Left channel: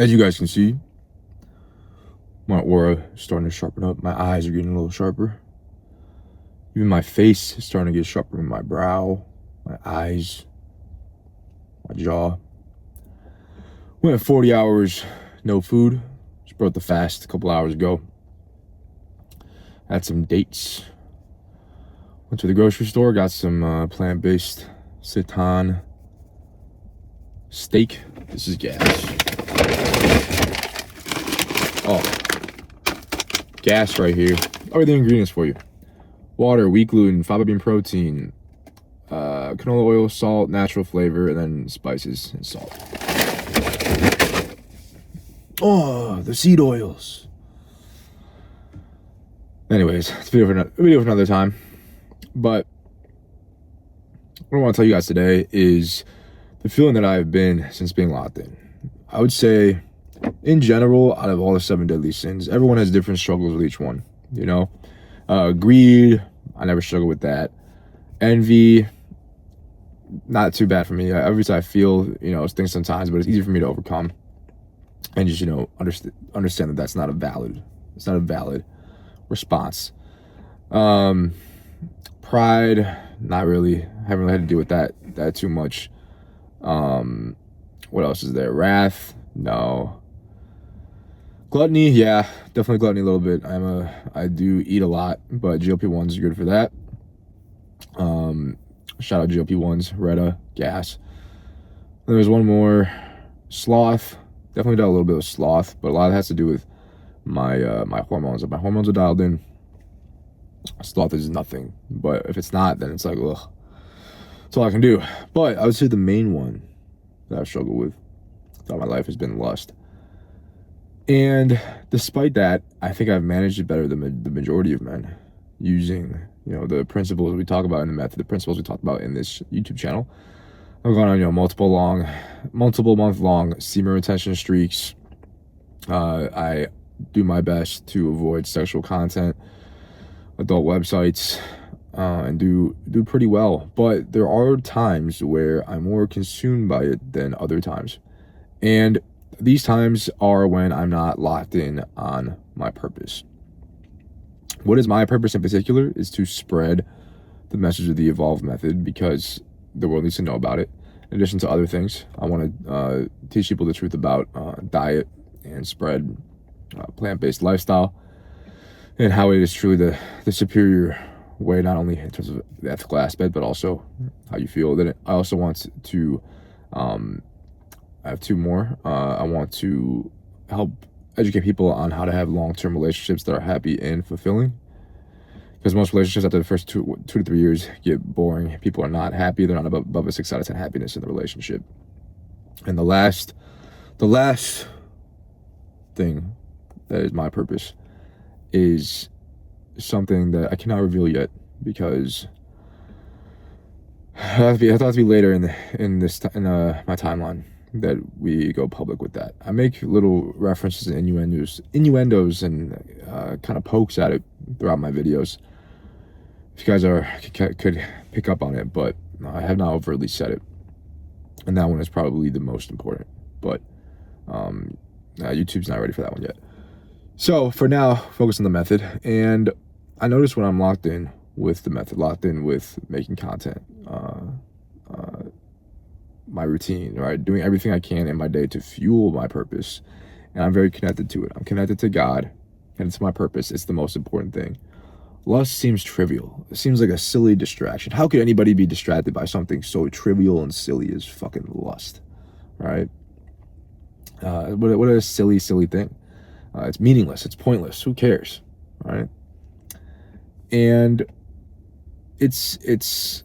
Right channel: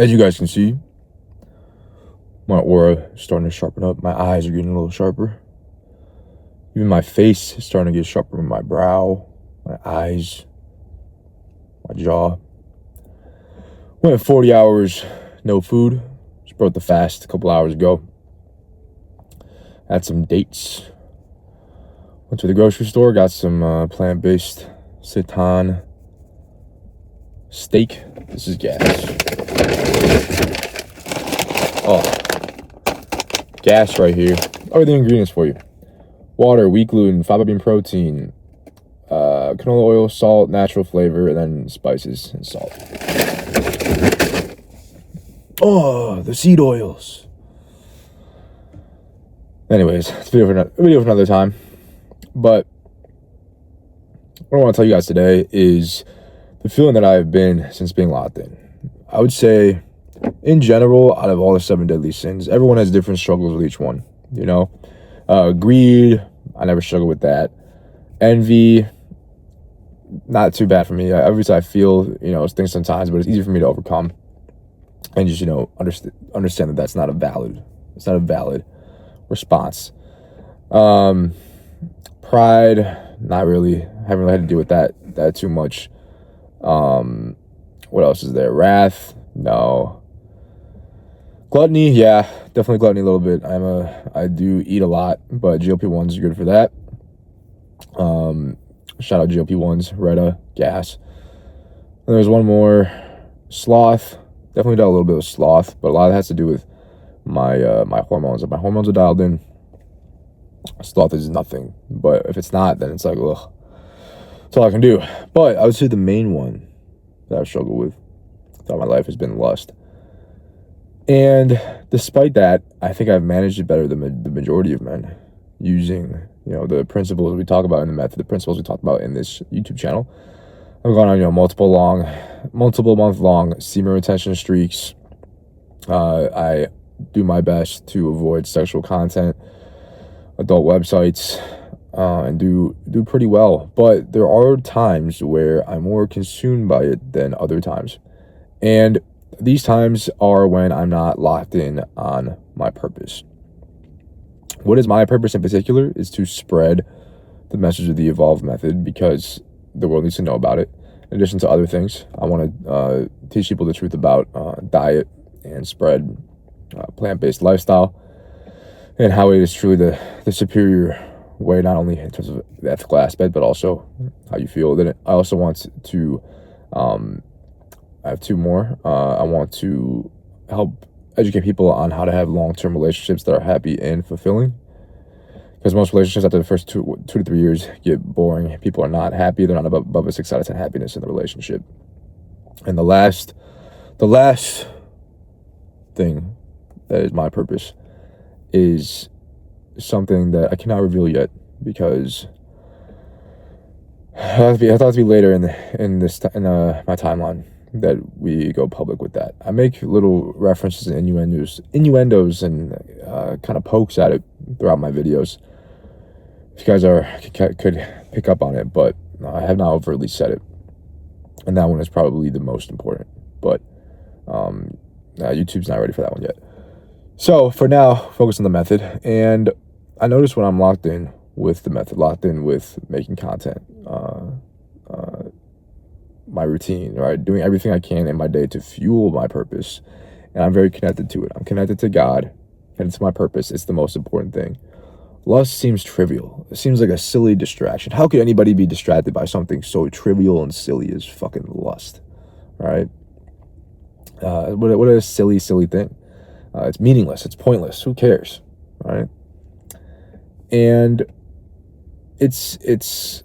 As you guys can see, my aura is starting to sharpen up. My eyes are getting a little sharper. Even my face is starting to get sharper. My brow, my eyes, my jaw. Went 40 hours, no food. Just broke the fast a couple hours ago. Had some dates. Went to the grocery store, got some plant-based seitan steak. This is gas. Oh, gas right here. What are the ingredients for you? Water, wheat gluten, fiber bean protein, canola oil, salt, natural flavor, and then spices and salt. Oh, the seed oils. Anyways, it's a video for another time. But what I want to tell you guys today is the feeling that I've been since being locked in. I would say, in general, out of all the 7 deadly sins, everyone has different struggles with each one. You know, greed, I never struggle with that. Envy, not too bad for me. Obviously, I feel, things sometimes, but it's easy for me to overcome. And just, understand that that's not a valid response. Pride, not really. Haven't really had to deal with that too much. What else is there? Wrath, no. Gluttony, yeah, definitely gluttony a little bit. I do eat a lot, but GLP-1s are good for that. Shout out GLP-1s, Retta, gas. And there's one more, sloth. Definitely got a little bit of sloth, but a lot of it has to do with my hormones. If my hormones are dialed in, sloth is nothing. But if it's not, then it's like, ugh. That's all I can do. But I would say the main one that I've struggled with throughout my life has been lust. And despite that, I think I've managed it better than the majority of men, using, the principles we talk about in the method, the principles we talk about in this YouTube channel. I've gone on, multiple month-long semen retention streaks. I do my best to avoid sexual content, adult websites, and do pretty well. But there are times where I'm more consumed by it than other times. And these times are when I'm not locked in on my purpose. What is my purpose in particular is to spread the message of the evolved method, because the world needs to know about it. In addition to other things, I want to teach people the truth about diet and spread plant-based lifestyle, and how it is truly the superior way, not only in terms of the ethical aspect, but also how you feel. Then I also want to, I have 2 more. I want to help educate people on how to have long-term relationships that are happy and fulfilling. Because most relationships after the first 2 to 3 years get boring. People are not happy. They're not above a 6 out of 10 happiness in the relationship. And the last thing that is my purpose is something that I cannot reveal yet, because I thought it to be later in my timeline that we go public with that. I make little references and innuendos and kind of pokes at it throughout my videos. If you guys could pick up on it, but I have not overtly said it, and that one is probably the most important. But YouTube's not ready for that one yet. So for now, focus on the method. And I notice when I'm locked in with the method, locked in with making content, my routine, right, doing everything I can in my day to fuel my purpose, and I'm very connected to it. I'm connected to God, and it's my purpose. It's the most important thing. Lust seems trivial. It seems like a silly distraction. How could anybody be distracted by something so trivial and silly as fucking lust, right? What a silly thing. It's meaningless. It's pointless. Who cares, right? And it's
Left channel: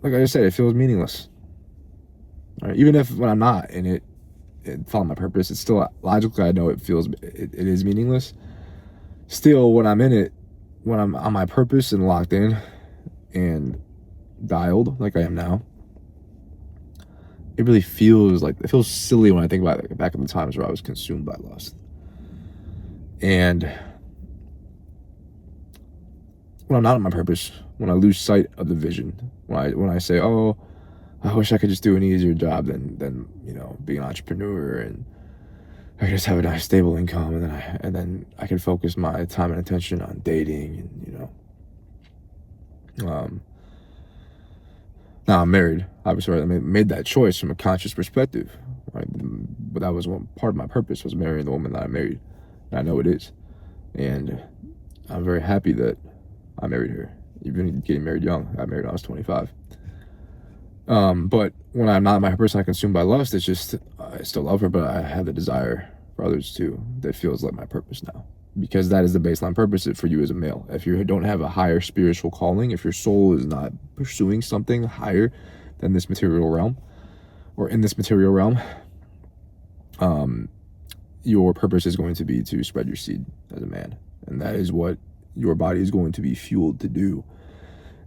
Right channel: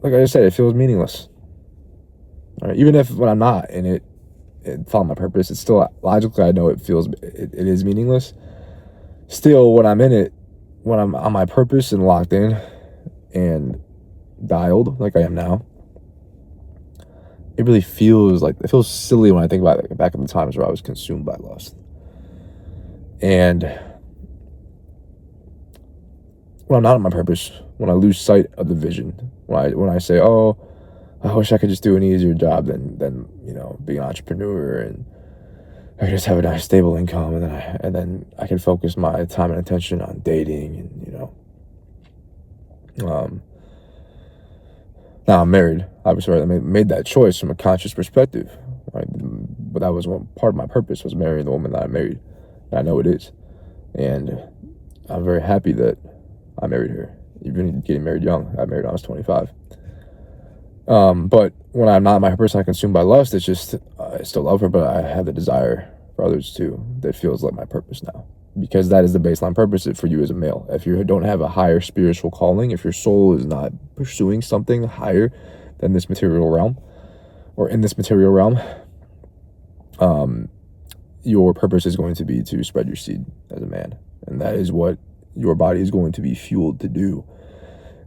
like I said, it feels meaningless. Right? Even if when I'm not in it follow my purpose, it's still logically, I know it is meaningless. Still, when I'm in it, when I'm on my purpose and locked in and dialed like I am now, it really feels silly when I think about it, back in the times where I was consumed by lust. And when I'm not on my purpose, when I lose sight of the vision, when I say, oh, I wish I could just do an easier job than be an entrepreneur, and I could just have a nice stable income, and then I could focus my time and attention on dating, and now I'm married. Obviously, right? I made that choice from a conscious perspective. Right? But that was one part of my purpose, was marrying the woman that I married. And I know it is, and I'm very happy that I married her. Even getting married young, I married when I was 25. But when I'm not my person, I consumed by lust. It's just I still love her, but I have the desire for others too. That feels like my purpose now, because that is the baseline purpose for you as a male. If you don't have a higher spiritual calling, if your soul is not pursuing something higher than this material realm, or in this material realm, your purpose is going to be to spread your seed as a man, and that is what your body is going to be fueled to do,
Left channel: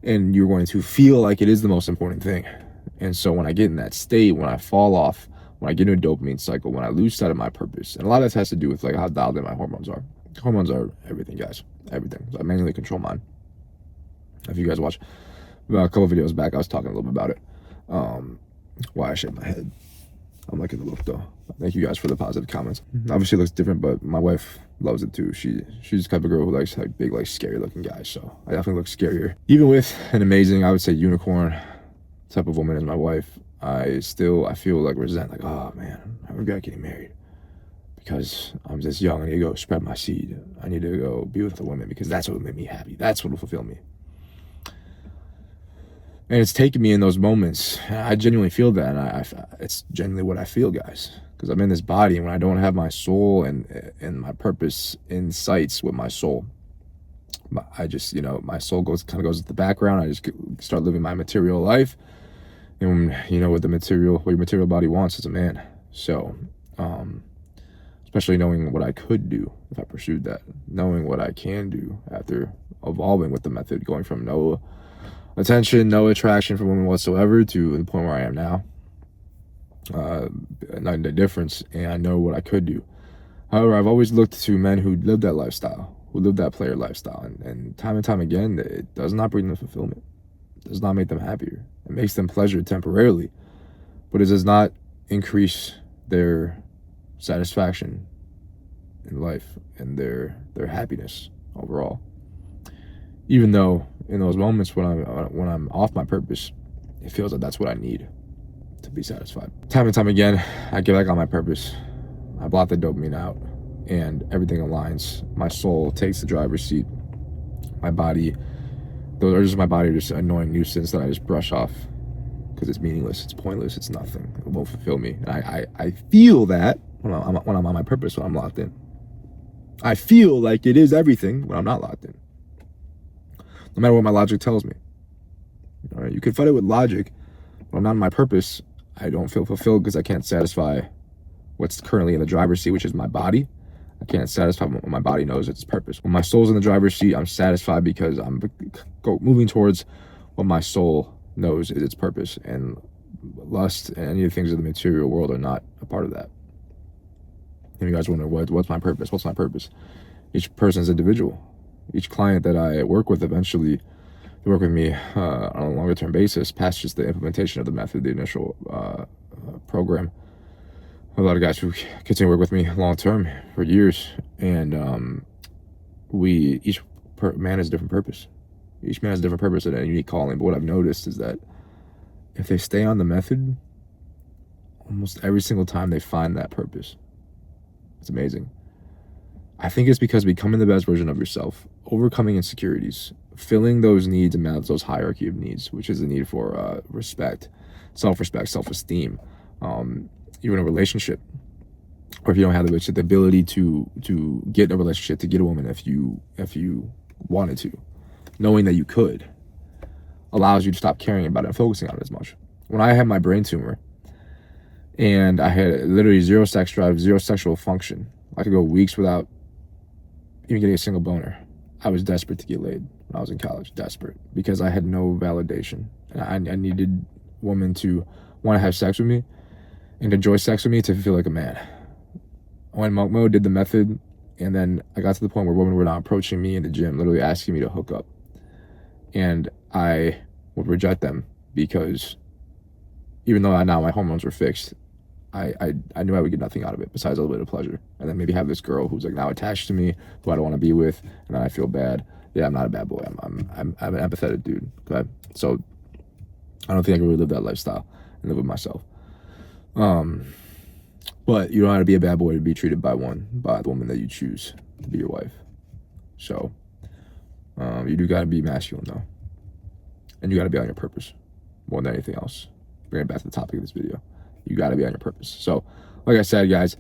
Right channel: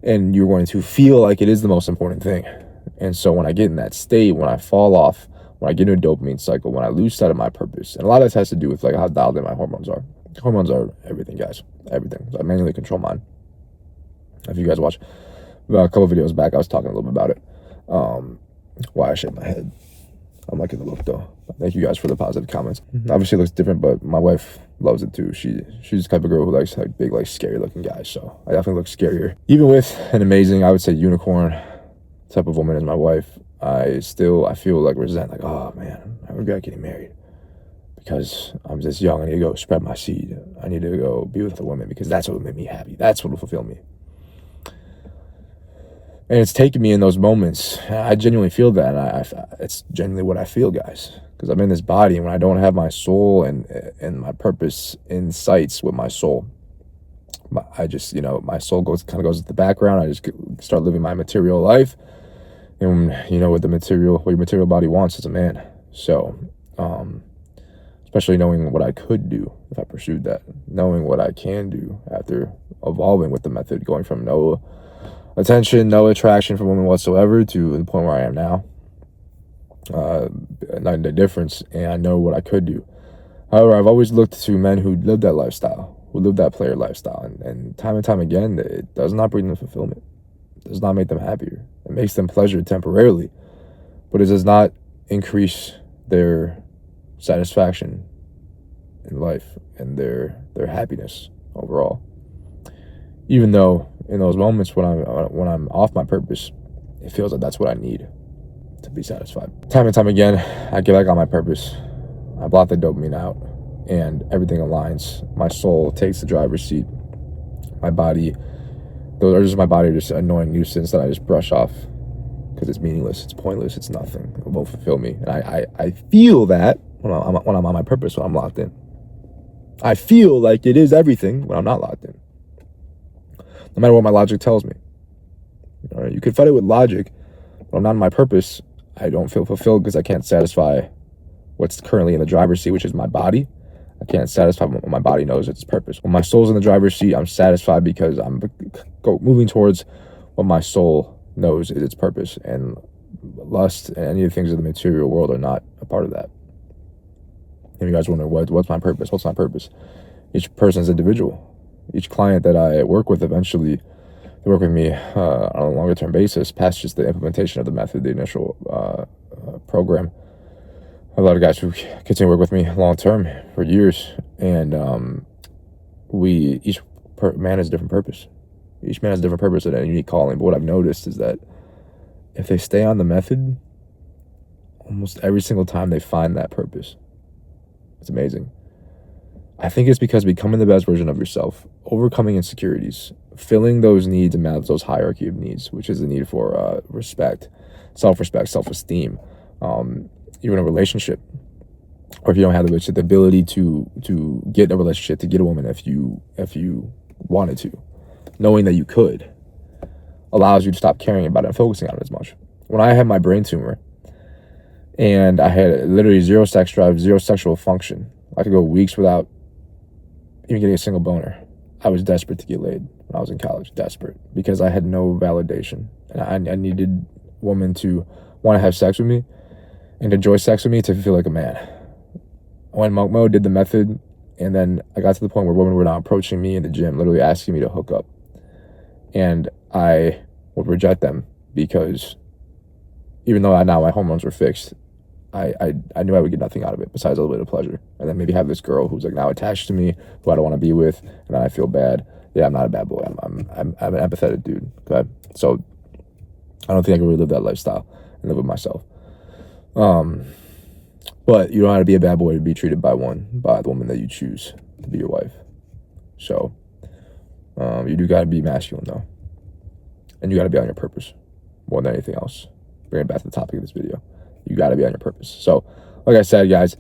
and you're going to feel like it is the most important thing. And so when I get in that state, when I fall off, when I get into a dopamine cycle, when I lose sight of my purpose, and a lot of this has to do with like how dialed in my hormones are. Hormones are everything, guys, everything. So I manually control mine. If you guys watch a couple videos back, I was talking a little bit about it. Why I shake my head. I'm liking the look though. Thank you guys for the positive comments. Obviously it looks different, but my wife loves it too. She's the type of girl who likes like big, like scary looking guys. So I definitely look scarier. Even with an amazing, I would say, unicorn type of woman as my wife, I feel like resent, like, oh man, I regret getting married because I'm this young. I need to go spread my seed. I need to go be with the woman because that's what will make me happy. That's what will fulfill me. And it's taken me in those moments. I genuinely feel that. And it's genuinely what I feel, guys. Because I'm in this body, and when I don't have my soul and my purpose in sights with my soul, I just, my soul goes to the background. I just start living my material life. And what your material body wants as a man. So, especially knowing what I could do if I pursued that, knowing what I can do after evolving with the method, going from no attention, no attraction from women whatsoever to the point where I am now. Night and day difference, and I know what I could do. However, I've always looked to men who live that lifestyle, who live that player lifestyle, and time again, it does not bring them fulfillment. It does not make them happier. It makes them pleasure temporarily, but it does not increase their satisfaction in life and their happiness overall. Even though in those moments when I'm off my purpose, it feels like that's what I need to be satisfied. Time and time again, I get back on my purpose. I block the dopamine out, and everything aligns. My soul takes the driver's seat. My body, those are just my body, just an annoying nuisance that I just brush off because it's meaningless, it's pointless, it's nothing. It won't fulfill me. And I feel that when I'm on my purpose, when I'm locked in. I feel like it is everything when I'm not locked in. No matter what my logic tells me. All right, you can fight it with logic. When I'm not in my purpose, I don't feel fulfilled because I can't satisfy what's currently in the driver's seat, which is my body. I can't satisfy what my body knows its purpose. When my soul's in the driver's seat, I'm satisfied because I'm moving towards what my soul knows is its purpose. And lust and any of the things of the material world are not a part of that. And you guys wonder, what's my purpose? What's my purpose? Each person's individual. Each client that I work with, eventually they work with me on a longer term basis past just the implementation of the method, the initial program. A lot of guys who continue to work with me long term for years, and each man has a different purpose. Each man has a different purpose and a unique calling. But what I've noticed is that if they stay on the method, almost every single time they find that purpose. It's amazing. I think it's because becoming the best version of yourself, overcoming insecurities, filling those needs and those hierarchy of needs, which is the need for respect, self-respect, self-esteem, even a relationship, or if you don't have the ability to get in a relationship, to get a woman if you wanted to, knowing that you could, allows you to stop caring about it and focusing on it as much. When I had my brain tumor and I had literally zero sex drive, zero sexual function, I could go weeks without even getting a single boner. I was desperate to get laid when I was in college, desperate, because I had no validation, and I needed a woman to want to have sex with me and enjoy sex with me to feel like a man. I went monk mode, did the method, and then I got to the point where women were now approaching me in the gym, literally asking me to hook up, and I would reject them because even though now my hormones were fixed, I knew I would get nothing out of it besides a little bit of pleasure. And then maybe have this girl who's like now attached to me, who I don't want to be with, and then I feel bad. Yeah, I'm not a bad boy. I'm an empathetic dude. Okay, so I don't think I can really live that lifestyle and live with myself. But you don't have to be a bad boy to be treated by the woman that you choose to be your wife. So you do got to be masculine though, and you got to be on your purpose more than anything else. Bring it back to the topic of this video. You got to be on your purpose. So, like I said, guys,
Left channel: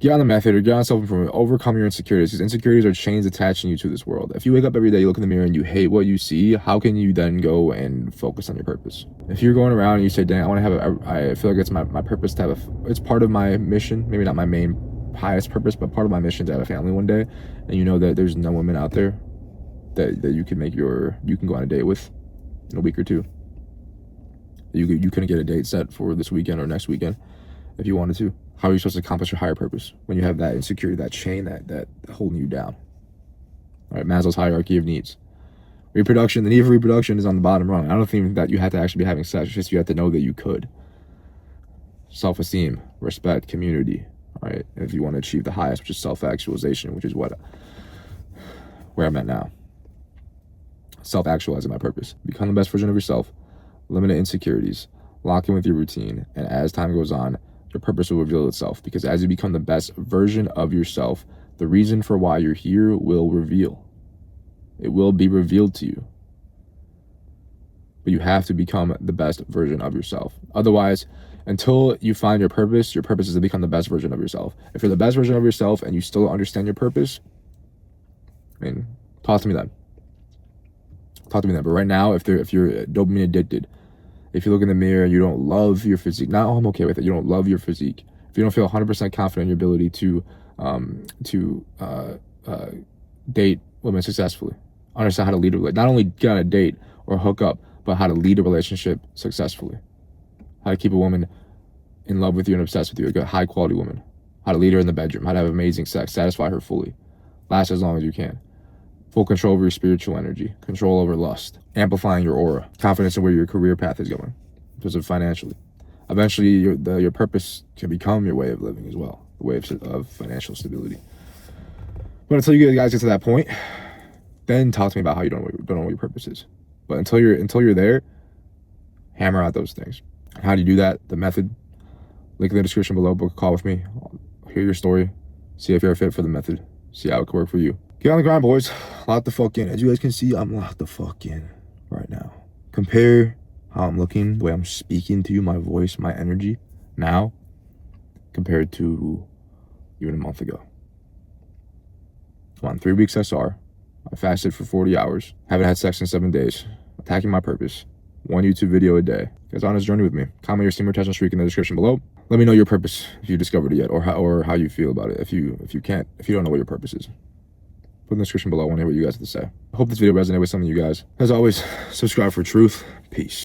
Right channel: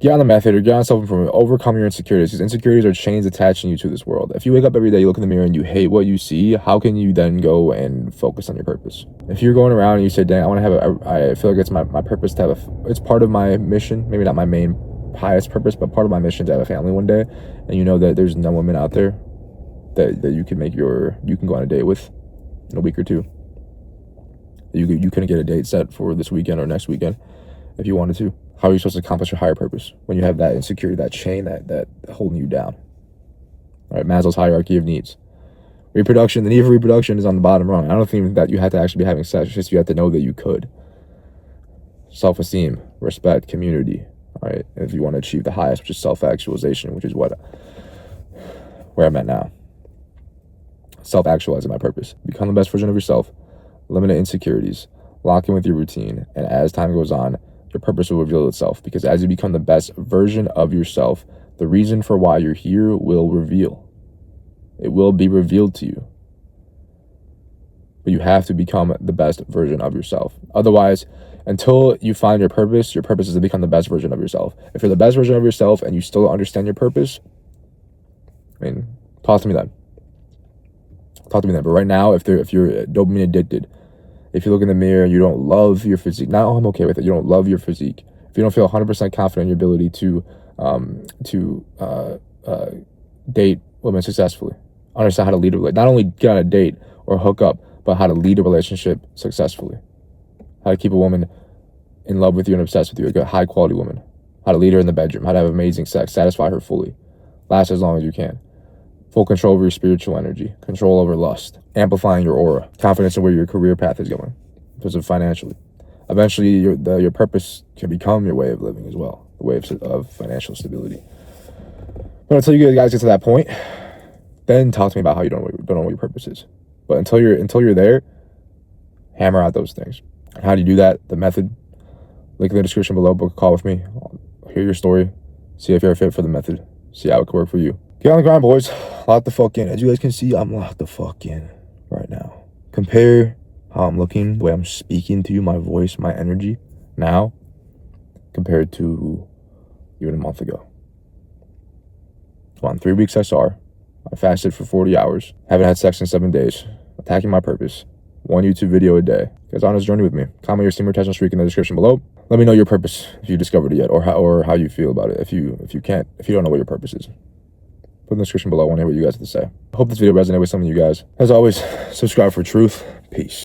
get on the method or get on self-improvement. Overcome your insecurities, because insecurities are chains attaching you to this world. If you wake up every day, you look in the mirror and you hate what you see, how can you then go and focus on your purpose? If you're going around and you say, dang, I want to have I feel like it's my purpose to have it's part of my mission, maybe not my main highest purpose, but part of my mission to have a family one day, and you know that there's no woman out there that you can go on a date with in a week or two. You couldn't get a date set for this weekend or next weekend if you wanted to. How are you supposed to accomplish your higher purpose when you have that insecurity, that chain that holding you down? All right, Maslow's hierarchy of needs. Reproduction, the need for reproduction is on the bottom rung. I don't think that you have to actually be having sex. It's just you have to know that you could. Self-esteem, respect, community. All right, if you want to achieve the highest, which is self-actualization, which is where I'm at now. Self-actualizing my purpose. Become the best version of yourself. Eliminate insecurities, lock in with your routine, and as time goes on, your purpose will reveal itself, because as you become the best version of yourself, the reason for why you're here will reveal. It will be revealed to you. But you have to become the best version of yourself. Otherwise, until you find your purpose is to become the best version of yourself. If you're the best version of yourself and you still don't understand your purpose, I mean, talk to me then. But right now, if you're dopamine addicted, if you look in the mirror and you don't love your physique, now I'm okay with it. You don't love your physique. If you don't feel 100% confident in your ability to date women successfully, understand how to lead a relationship, not only get on a date or hook up, but how to lead a relationship successfully, how to keep a woman in love with you and obsessed with you, a high quality woman, how to lead her in the bedroom, how to have amazing sex, satisfy her fully, last as long as you can. Full control over your spiritual energy, control over lust, amplifying your aura, confidence in where your career path is going, because of financially. Eventually, your purpose can become your way of living as well, the way of financial stability. But until you guys get to that point, then talk to me about how you don't know what your purpose is. But until you're there, hammer out those things. And how do you do that? The method. Link in the description below. Book a call with me. I'll hear your story. See if you're a fit for the method. See how it can work for you. Get on the grind, boys. Lock the fuck in. As you guys can see, I'm locked the fuck in right now. Compare how I'm looking, the way I'm speaking to you, my voice, my energy now, compared to even a month ago. Come on, 3 weeks SR. I fasted for 40 hours. Haven't had sex in 7 days. Attacking my purpose. 1 YouTube video a day. Guys, on this journey with me. Comment your steam rotation streak in the description below. Let me know your purpose if you discovered it yet, or how you feel about it. If you don't know what your purpose is. Put in the description below. I want to hear what you guys have to say. I hope this video resonated with some of you guys. As always, subscribe for truth. Peace.